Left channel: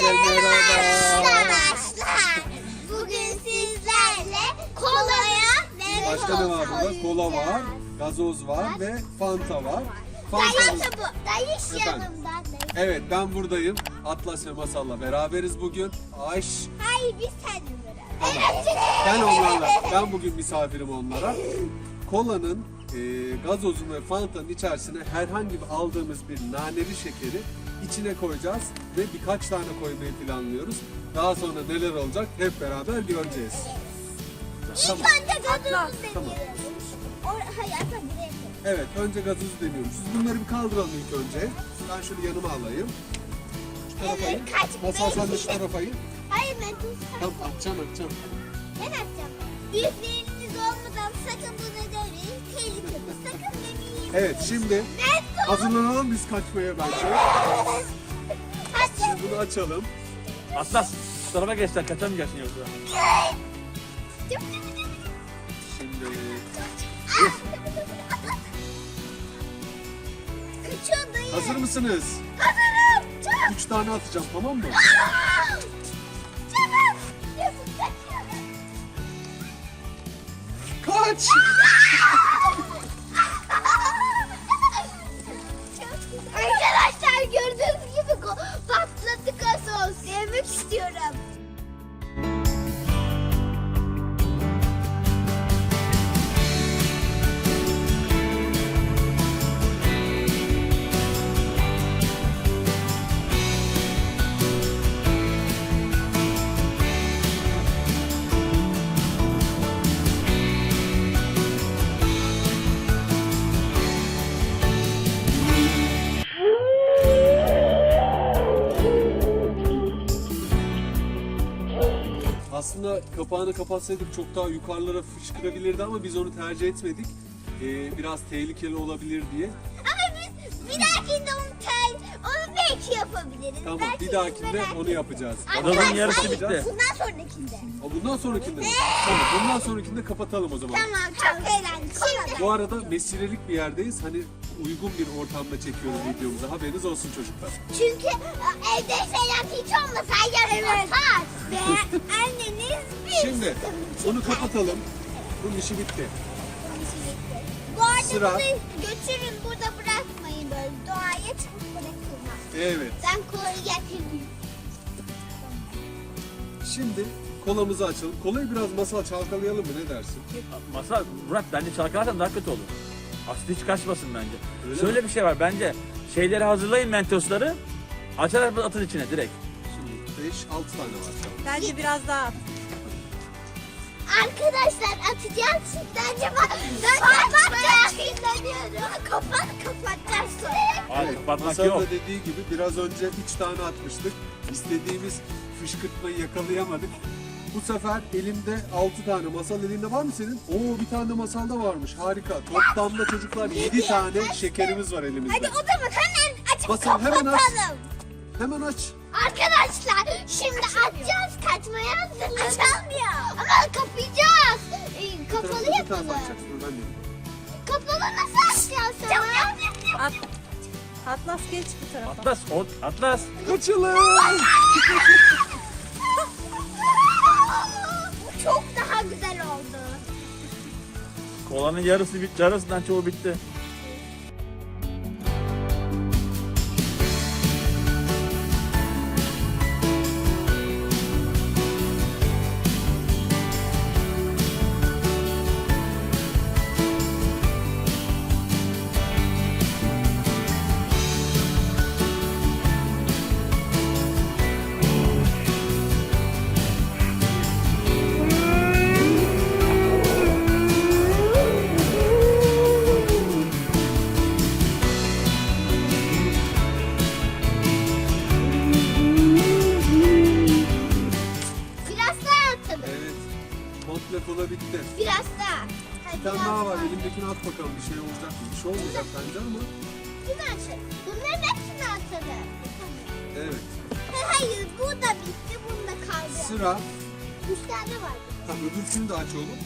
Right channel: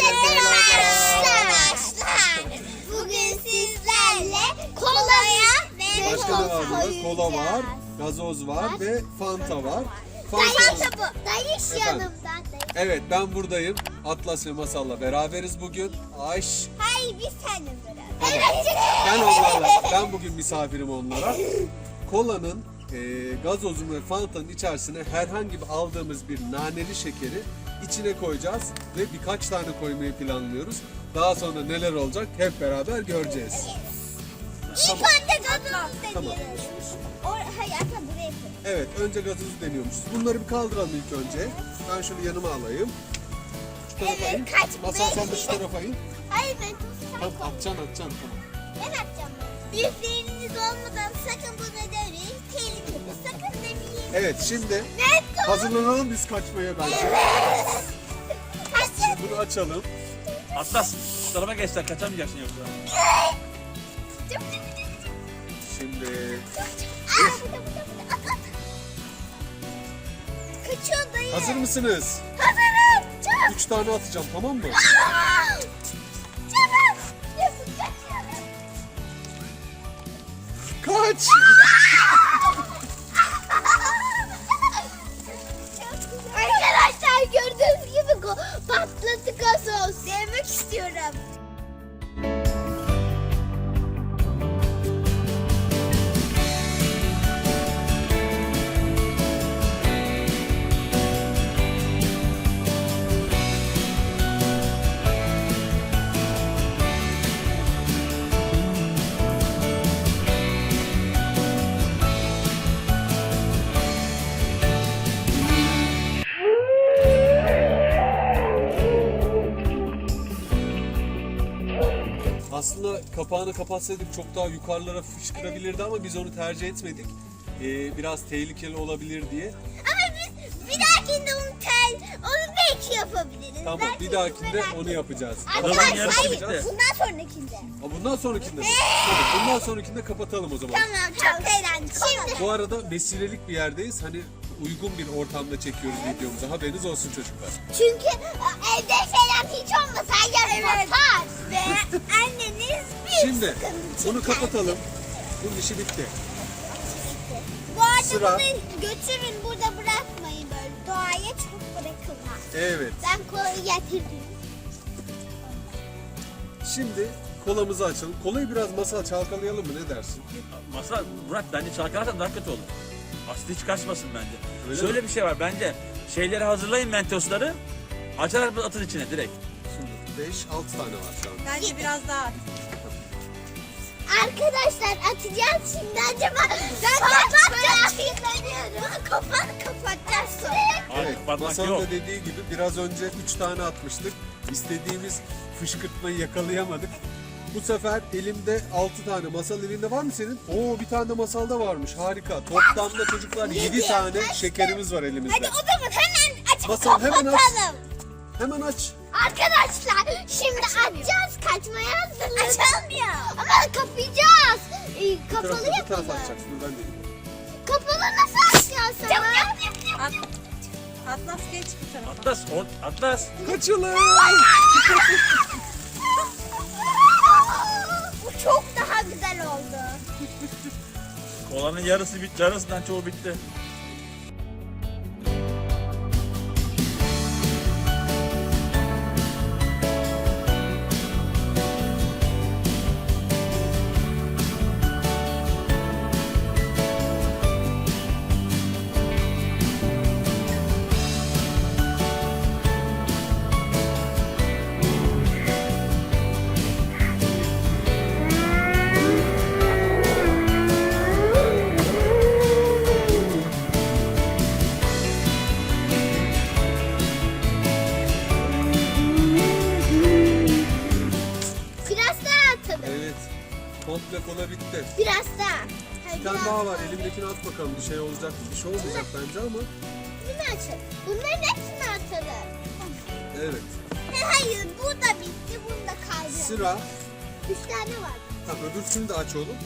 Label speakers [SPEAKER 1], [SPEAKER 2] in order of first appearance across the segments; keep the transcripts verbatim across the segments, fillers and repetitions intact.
[SPEAKER 1] Arkadaşlar, bugün sizlerle kolaya ve
[SPEAKER 2] Başka ne var burada? Kola var, gazoz var ve Fanta var.
[SPEAKER 1] Dayı
[SPEAKER 2] Fanta.
[SPEAKER 1] topu, dayı yanımda.
[SPEAKER 2] Evet, ben buradayım. Atlas ve Masal'la beraberiz bugün. Ayş.
[SPEAKER 1] Hayır, biz seninle beraber.
[SPEAKER 2] Tamam.
[SPEAKER 1] Evet.
[SPEAKER 2] Ben onlarla, ben bugün misafirim onlara. Kolanın, e, gazozun ve Fanta'nın içerisine herhangi bir aldığımız bir naneli şekeri içine koyacağız ve birkaç tane koymayı planlıyoruz. Daha sonra neler olacak hep beraber göreceğiz.
[SPEAKER 1] İlk önce gazoz
[SPEAKER 2] Tamam.
[SPEAKER 1] deniyoruz. Or hayır, aslında buraya koy.
[SPEAKER 2] Evet, önce gazozu deniyormuşuz. Bunları bir kaldıralım ilk önce. Ben şunu yanıma alayım. Şu tarafa in.
[SPEAKER 1] Evet, kaç-
[SPEAKER 2] Masal sen de şu tarafa in.
[SPEAKER 1] Hayır, ben tuz
[SPEAKER 2] Tamam, atacaksın, atacaksın.
[SPEAKER 1] Ben atacağım. Büyükleriniz olmadan sakın bunu deneyin. Tehlikeli, sakın demeyin.
[SPEAKER 2] Evet, şimdi
[SPEAKER 1] Let's go.
[SPEAKER 2] hazırlanalım biz kaçmaya bence.
[SPEAKER 1] Açın.
[SPEAKER 2] Bunu açalım.
[SPEAKER 3] Atlas, şu tarafa geç sen kaçamayacaksın yoksa.
[SPEAKER 2] Şimdi
[SPEAKER 1] Kaçıyor dayı.
[SPEAKER 2] hazır mısınız?
[SPEAKER 1] Hazırım. Çabuk.
[SPEAKER 2] Üç tane atacağım, tamam mı?
[SPEAKER 1] Çabuk.
[SPEAKER 2] Kaç!
[SPEAKER 1] Arkadaşlar gördüğünüz gibi patladı gazoz. Yemek istiyorum.
[SPEAKER 2] Aslında kapağını kapatsaydık çok daha yukarılara fışkırabilirdi ama biz onu tercih etmedik. Ee, biraz tehlikeli olabilir diye.
[SPEAKER 1] Ama biz bir dahakinde onu tel, onu belki yapabiliriz.
[SPEAKER 2] Tamam,
[SPEAKER 1] Belki
[SPEAKER 2] bir dahakinde
[SPEAKER 1] merak
[SPEAKER 2] onu
[SPEAKER 1] etme.
[SPEAKER 2] yapacağız.
[SPEAKER 3] Gazozun yarısı
[SPEAKER 1] Hayır,
[SPEAKER 3] bitti.
[SPEAKER 1] Bundan sonrakinde.
[SPEAKER 2] Aa, bundan sonrakinde mi? Tamam, bundan sonrakinde kapatalım o zaman.
[SPEAKER 1] Tamam, çok eğlenceli. Şimdi
[SPEAKER 2] Bu arada mesirelik bir yerdeyiz. Hani uygun bir ortamda çekiyoruz videomuzu. Haberiniz olsun çocuklar.
[SPEAKER 1] çünkü e, evde falan hiç olmasa yarın yapar. Ve anneniz bir
[SPEAKER 2] Şimdi bunu kapatalım. Bunun işi bitti.
[SPEAKER 1] Bu arada
[SPEAKER 2] Sıra.
[SPEAKER 1] bunu götürün, burada bırakmayın böyle. Doğaya çok bırakılmaz.
[SPEAKER 2] Evet.
[SPEAKER 1] Ben kolayı getirdim.
[SPEAKER 2] Şimdi kolamızı açalım. Kolayı biraz masal çalkalayalım mı? Ne dersin?
[SPEAKER 3] Masal, Murat bence çalkalarsan daha kötü olur. Aslı hiç kaçmasın bence.
[SPEAKER 2] Öyle
[SPEAKER 3] Şöyle bir şey var bence. Şeyleri hazırlayın mentosları. Açarak atın içine direkt.
[SPEAKER 2] Şimdi beş altı tane var şu an.
[SPEAKER 4] Bence biraz daha.
[SPEAKER 1] Arkadaşlar atacağız şimdi acaba. Ben kapatacağım. Kapat kapatacağız sonra.
[SPEAKER 3] Hayır, kapatmak
[SPEAKER 2] Masal
[SPEAKER 3] yok.
[SPEAKER 2] da dediği gibi biraz önce üç tane atmıştık. İstediğimiz fışkırtmayı yakalayamadık. Bu sefer elimde altı tane. Masal elinde var mı senin? Oo, bir tane de masalda varmış. Harika. Toplamda çocuklar yedi tane şekerimiz var elimizde.
[SPEAKER 1] Hadi o zaman hemen açıp
[SPEAKER 2] Masal, hemen aç.
[SPEAKER 1] kapatalım.
[SPEAKER 2] Hemen aç.
[SPEAKER 1] Arkadaşlar şimdi açacağız, kaçmaya hazırız. Açılmıyor. Ama kapayacağız. Ee, kapalı
[SPEAKER 2] Bir tane
[SPEAKER 1] yapalım.
[SPEAKER 2] açacaksın. Ben de.
[SPEAKER 1] Kapalı nasıl açacağız sana?
[SPEAKER 4] At, Atlas geç bu tarafa.
[SPEAKER 3] Atlas, o, Atlas.
[SPEAKER 2] Kaçalım.
[SPEAKER 1] Bu çok daha güzel oldu.
[SPEAKER 3] Kolanın yarısı bitti, yarısından çoğu bitti.
[SPEAKER 1] Biraz daha atalım.
[SPEAKER 2] Evet. Komple kola bitti.
[SPEAKER 1] Biraz daha. Hadi
[SPEAKER 2] Bir tane daha var. Elimdekini at bakalım. Bir şey olacak. Bir şey olmayacak bence ama.
[SPEAKER 1] Bunu açalım. Bunların hepsini atalım.
[SPEAKER 2] Evet.
[SPEAKER 1] He, hayır bu da bitti. Bunu da kaldı.
[SPEAKER 2] Sıra.
[SPEAKER 1] Üç tane var.
[SPEAKER 2] Tamam, öbürsünü de aç oğlum.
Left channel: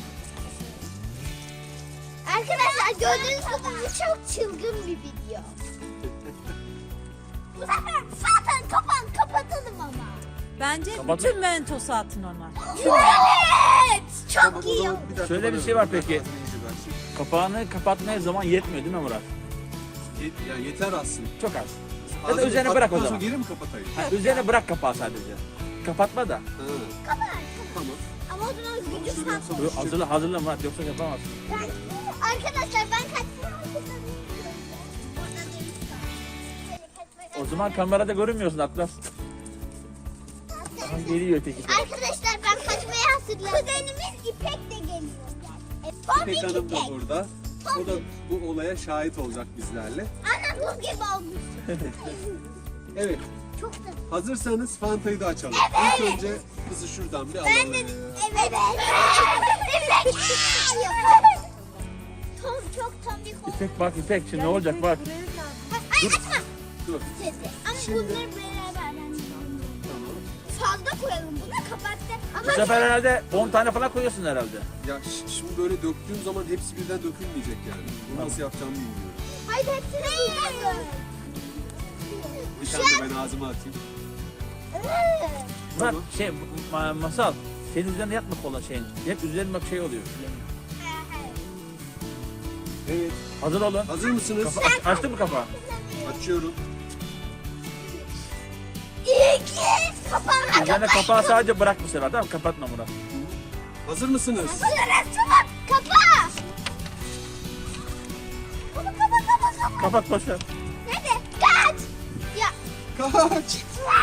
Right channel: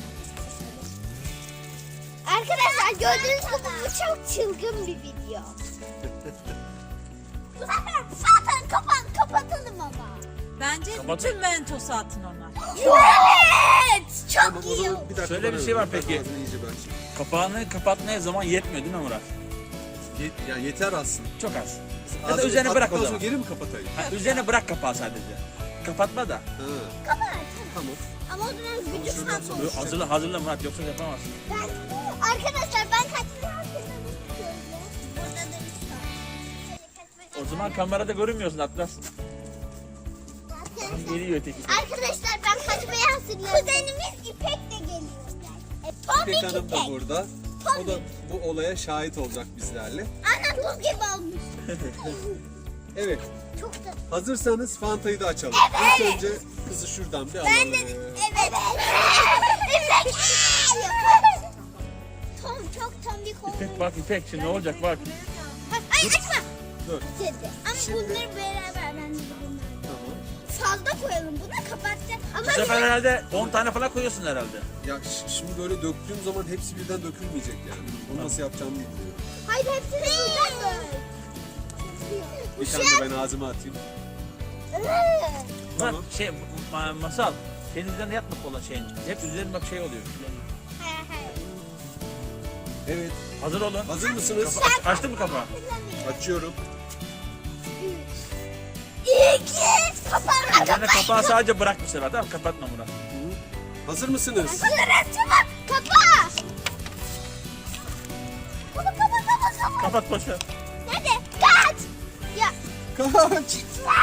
[SPEAKER 1] Arkadaşlar gördüğünüz gibi bu çok çılgın bir video. Bu sefer zaten kapan kapatalım ama.
[SPEAKER 4] Bence
[SPEAKER 3] Kapat-
[SPEAKER 4] bütün mentosu atın ona.
[SPEAKER 1] Evet. Çok iyi oldu.
[SPEAKER 2] Bir dakika,
[SPEAKER 3] Şöyle bir
[SPEAKER 2] ben
[SPEAKER 3] şey var
[SPEAKER 2] öğreneyim.
[SPEAKER 3] peki.
[SPEAKER 2] Biraz iyice ben.
[SPEAKER 3] Kapağını kapatmaya zaman yetmiyor değil mi Murat?
[SPEAKER 2] Ye- yani yeter aslında.
[SPEAKER 3] Çok az. Ya da
[SPEAKER 2] Ağzını
[SPEAKER 3] üzerine bırak o
[SPEAKER 2] kapattıktan
[SPEAKER 3] zaman.
[SPEAKER 2] sonra geri mi kapatayım?
[SPEAKER 3] Ha, üzerine bırak kapağı sadece. Kapatma da.
[SPEAKER 2] Ha,
[SPEAKER 1] Kapat.
[SPEAKER 2] tamam.
[SPEAKER 1] Ama o zaman gücü
[SPEAKER 2] Şöyle
[SPEAKER 1] fazla.
[SPEAKER 2] yapsam
[SPEAKER 3] Dur, hazırla hazırla Murat yoksa yapamazsın.
[SPEAKER 1] Ben- Arkadaşlar ben kaçtım. Burada da
[SPEAKER 3] O zaman kamerada görünmüyorsun Atlas. Tamam, geliyor öteki.
[SPEAKER 1] Arkadaşlar ben kaçmaya hazırlıyorum. Kuzenimiz İpek de geliyor. E, Pomik
[SPEAKER 2] İpek Hanım da
[SPEAKER 1] İpek.
[SPEAKER 2] burada. O da bu olaya şahit olacak bizlerle.
[SPEAKER 1] Ana buz gibi olmuş.
[SPEAKER 2] Evet.
[SPEAKER 1] Çok da.
[SPEAKER 2] Hazırsanız Fanta'yı da açalım. İlk önce kızı şuradan bir
[SPEAKER 1] Ben
[SPEAKER 2] alalım.
[SPEAKER 1] de evet. İpek. Tom çok tombik oldu.
[SPEAKER 3] İpek bak İpek şimdi ne olacak bak.
[SPEAKER 1] Bak ay açma.
[SPEAKER 2] Dur.
[SPEAKER 1] Dedi. Ama
[SPEAKER 2] Şimdi-
[SPEAKER 1] bunları beraber ben de bilmiyorum.
[SPEAKER 2] Tamam.
[SPEAKER 1] Salda koyalım. Bu da kapatacak. Ama
[SPEAKER 3] Bu sefer herhalde on tane falan koyuyorsun herhalde.
[SPEAKER 2] Ya ş- şimdi böyle döktüğüm zaman hepsi birden dökülmeyecek yani. Bunu nasıl yapacağımı bilmiyorum.
[SPEAKER 1] hayır hepsini buradan koy.
[SPEAKER 2] Bir tane de ben ağzıma atayım.
[SPEAKER 1] Evet.
[SPEAKER 3] Murat
[SPEAKER 2] Tamam.
[SPEAKER 3] şey ma- masal. Senin üzerine yapma kola şeyin. Hep üzerine bak şey oluyor.
[SPEAKER 1] Hayır, hayır.
[SPEAKER 2] Evet.
[SPEAKER 3] Hazır olun.
[SPEAKER 2] Hazır mısınız?
[SPEAKER 3] Kapa aç, açtın mı kapağı?
[SPEAKER 2] Açıyorum.
[SPEAKER 1] İki. Kapanma.
[SPEAKER 3] Üzerine kapağı sadece bırak bu sefer tamam mı? Kapatma Murat.
[SPEAKER 2] Hazır mısınız?
[SPEAKER 1] Hazırız çabuk. Kapa. Bunu kapa kapa kapa.
[SPEAKER 3] Kapat boşver.
[SPEAKER 1] Hadi kaç. Ya.
[SPEAKER 2] Kaç.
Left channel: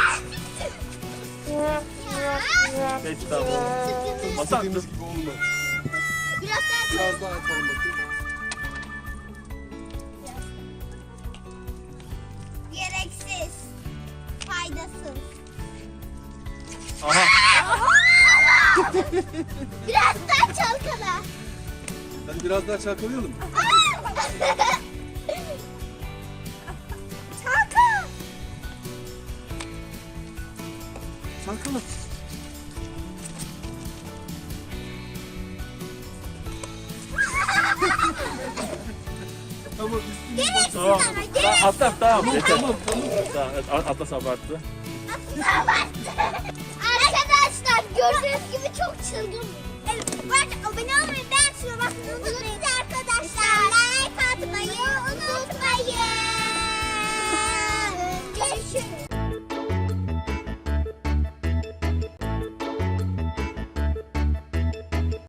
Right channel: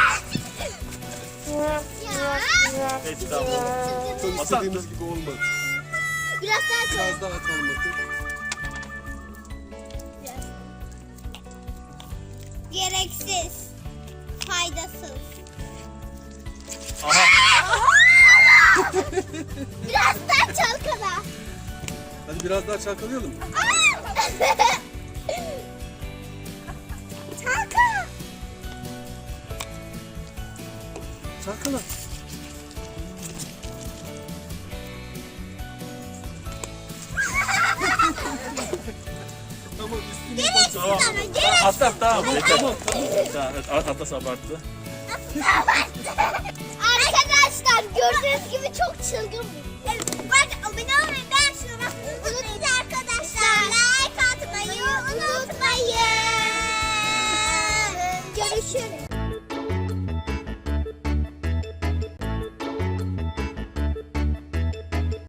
[SPEAKER 1] Ya.
[SPEAKER 3] Peki tamam. Masal dur.
[SPEAKER 2] Dediğimiz gibi olmadı.
[SPEAKER 1] Biraz daha çabuk.
[SPEAKER 2] Biraz daha kalmadı.
[SPEAKER 1] Gereksiz. Faydasız.
[SPEAKER 3] Aha.
[SPEAKER 1] Biraz daha çalkala.
[SPEAKER 2] Hadi biraz daha çalkalayalım.
[SPEAKER 1] Çalka.
[SPEAKER 2] Çalkala. Tamam üstüne.
[SPEAKER 1] Gereksiz
[SPEAKER 3] Tamam.
[SPEAKER 1] ama
[SPEAKER 3] Tamam,
[SPEAKER 1] gereksiz.
[SPEAKER 3] Atlas tamam. Yeter.
[SPEAKER 2] Tamam.
[SPEAKER 3] Tamam, evet, Atlas abarttı.
[SPEAKER 1] Arkadaşlar gördüğünüz gibi çok çılgın bir